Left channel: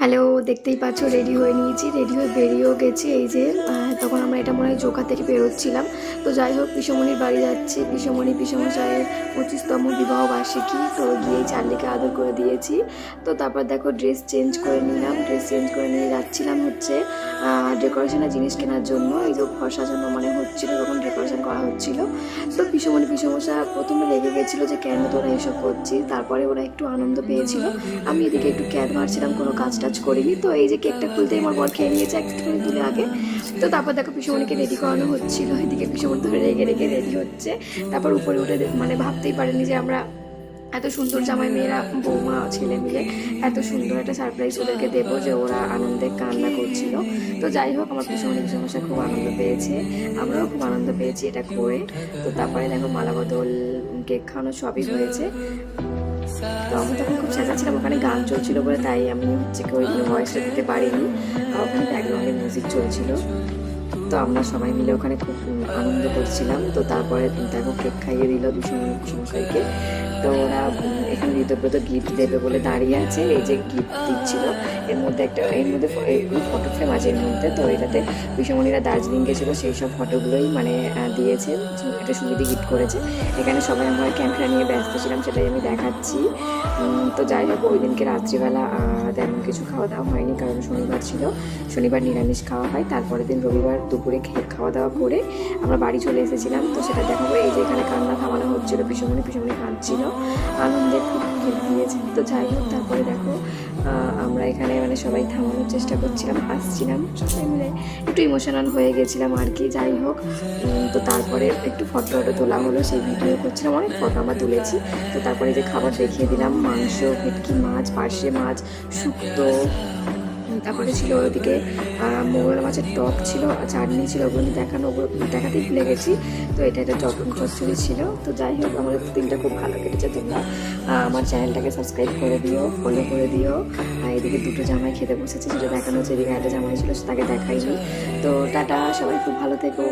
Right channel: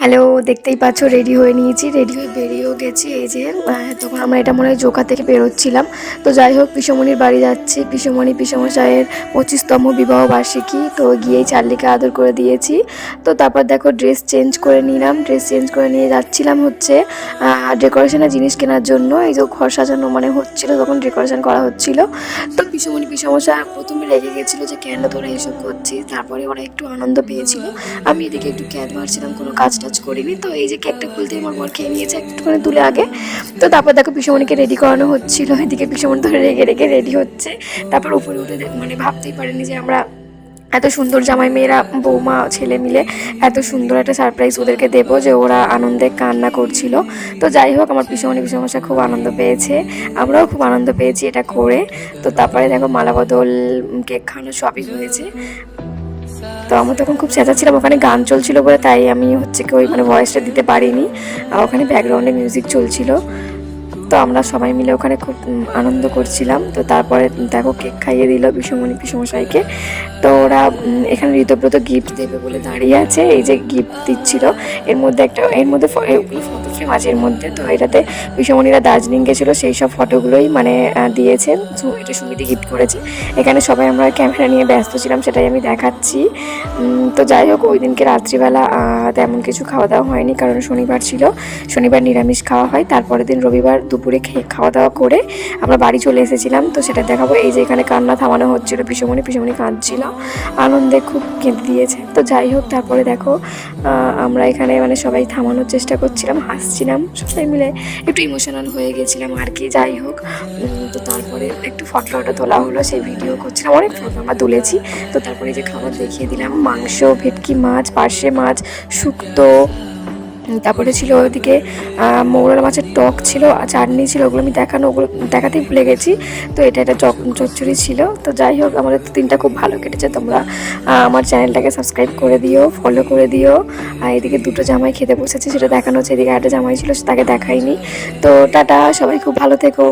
Hello দেখতেই পাচ্ছ ready হয়ে নিয়েছি রেডি হয়ে বেরিয়েও গেছি। এই যে তখন আমরা এটা মনে হয় জোকা থেকে বেরোচ্ছিলাম। তো যাই হোক, পিসমণির বাড়ি যাচ্ছি। পিসমণি পিসমশাইয়ের পঁচিশতম বিবাহ বার্ষিকী। তো গিয়েই চার্লিকে আদর করে দিয়েছি। তো তারপর দেখো ড্রেস চেঞ্জ করে নিলাম। ড্রেস চেঞ্জ করে নিয়ে যাচ্ছিলাম হচ্ছে ডেকোরেশনের জিনিস কেনার জন্য। এই যে ঘর সাজানো মানে হচ্ছিল তখন ডেকোরেশন করা হচ্ছিল। তো পিসমণি পিসমশা প্রথমে রেগে গেছিল যে, কেন তোরা এসব করছিস? তারপরে ওরা একটু আনন্দ পেয়েছিল। আমি এদিকে একটু ক্যাদ মারছিলাম, কোনো কাজ টাজ করিনি। তো এই যে কেকটা খুলতে আমার বর খেয়ে নিয়েছে একটুখানি তুলে আগে। তো তারপর দেখো পিসমণিকে রেডি করানো হচ্ছিল। এদিকে পিসমণি ধরে রেগে রেগে রেডি হচ্ছে। তারপর উপরে উঠে মানে ভাবতেই পারেনি যে আমরা এত সুন্দর জামাই মেয়েরা, বৌমা, ছেলে মিলে এত সুন্দর একটা সারপ্রাইজ ওদেরকে দেবো যে ওরা আনন্দে কান্না করছিল। তো যাই হোক, আমার পিসমণি পিসমশা খুব আনন্দ পেয়েছে। আমরাও খুব আনন্দ পেয়েছি এটা করে। তো তারপরে দেখো মালা বদল কেক খাওয়ানো সবই হয়েছে। তো আমি তখন খুব চেঁচা ছিলাম ওখানে গান চলছিল বলে, তাই আমি হচ্ছে কি ওই মানে ভয়েসটা দিতে পারিনি। আর ওখানে ব্যাকগ্রাউন্ডে মিউজিক চলছিল। তো আমরা সবাই মিলে ওখানে খুব আনন্দ করছিলাম। তো তারপরে দেখো কেক খাইয়ে দিল বিষমণি পিসমশাইকে তো ওরা এখানে ঋতব্রত গিফট দেবে বলে দাঁড়িয়ে আছে। এই যে গিফট দিচ্ছিল। এর মধ্যে একটা, এর মধ্যে ফটো ফ্রেম আছে এর মধ্যে। তো এটাতে বিষমণিরা দার্জিলিং গেছিল সেই সব ফটোগুলোই মানে দিয়েছেন এটা সুমিতি গিফট করেছে। এখানে সবাই আমরা ক্যামেরা নিয়ে ব্যস্ত ছিলাম, সেটাই আমি দেখাচ্ছি। তো যাই হোক, ওই দিনকে রাত্রিবেলা তেমন কিছু খাওয়া দাওয়া হয়নি, কারণ শনিবার ছিল। শনিবার নিরামিষ খাওয়া হয়। তারপরের দিন রবিবার দুপুরে খেয়ে খাওয়া দাওয়া করে আমরা বাড়ি চলে এসেছিলাম। তো সেটা দেখাবো। এই যে এখানে কান্না থামানো হচ্ছিল, পিসমণি পিসমণি কাঁদছিল। আনন্দে খুব কেঁদে দিয়েছে। তো যাই হোক, তারপরে দেখো আমরা এখানে মানে সবাই থামানোর চেষ্টা করছিলাম, হাসছিলাম, সবাই মিলে একটু ইমোশনাল হয়ে গেছিলাম আর কি। যাই হোক তো তারপরে একটু ফটো ফটো তোলা হলো, সেই ভিডিও করছিলাম। অনেক ফটো আমরা তুলেছি। তো তারপরে যে খাবার দেখিয়ে দিলাম, মাংস, ভেটকি মাছ, পার্শে মাছ, শুক্তো তারপরে ছিল ওইদিকে মৌরলা মাছের টক ছিল চাটনি ছিল, ওগুলো আমি দেখানো, ওগুলো দেখাতেই ভুলে গেছি। তো এটা একটা চক, চচ্চড়ি ছিল। তো যাই হোক, আমাদের দিনটা খুব ভালো কেটেছে। তোমরা আমার চ্যানেলটাকে সাবস্ক্রাইব করে দিও ফলো করে দিও। আর এদিকে দুটো জামাই খেতে বসেছে, সেটা দেখানো হচ্ছে। এদিকে একটা জামাই ছিল তাকে দেখাইনি তো টাটা, সবাই খুব ভালো থেকো।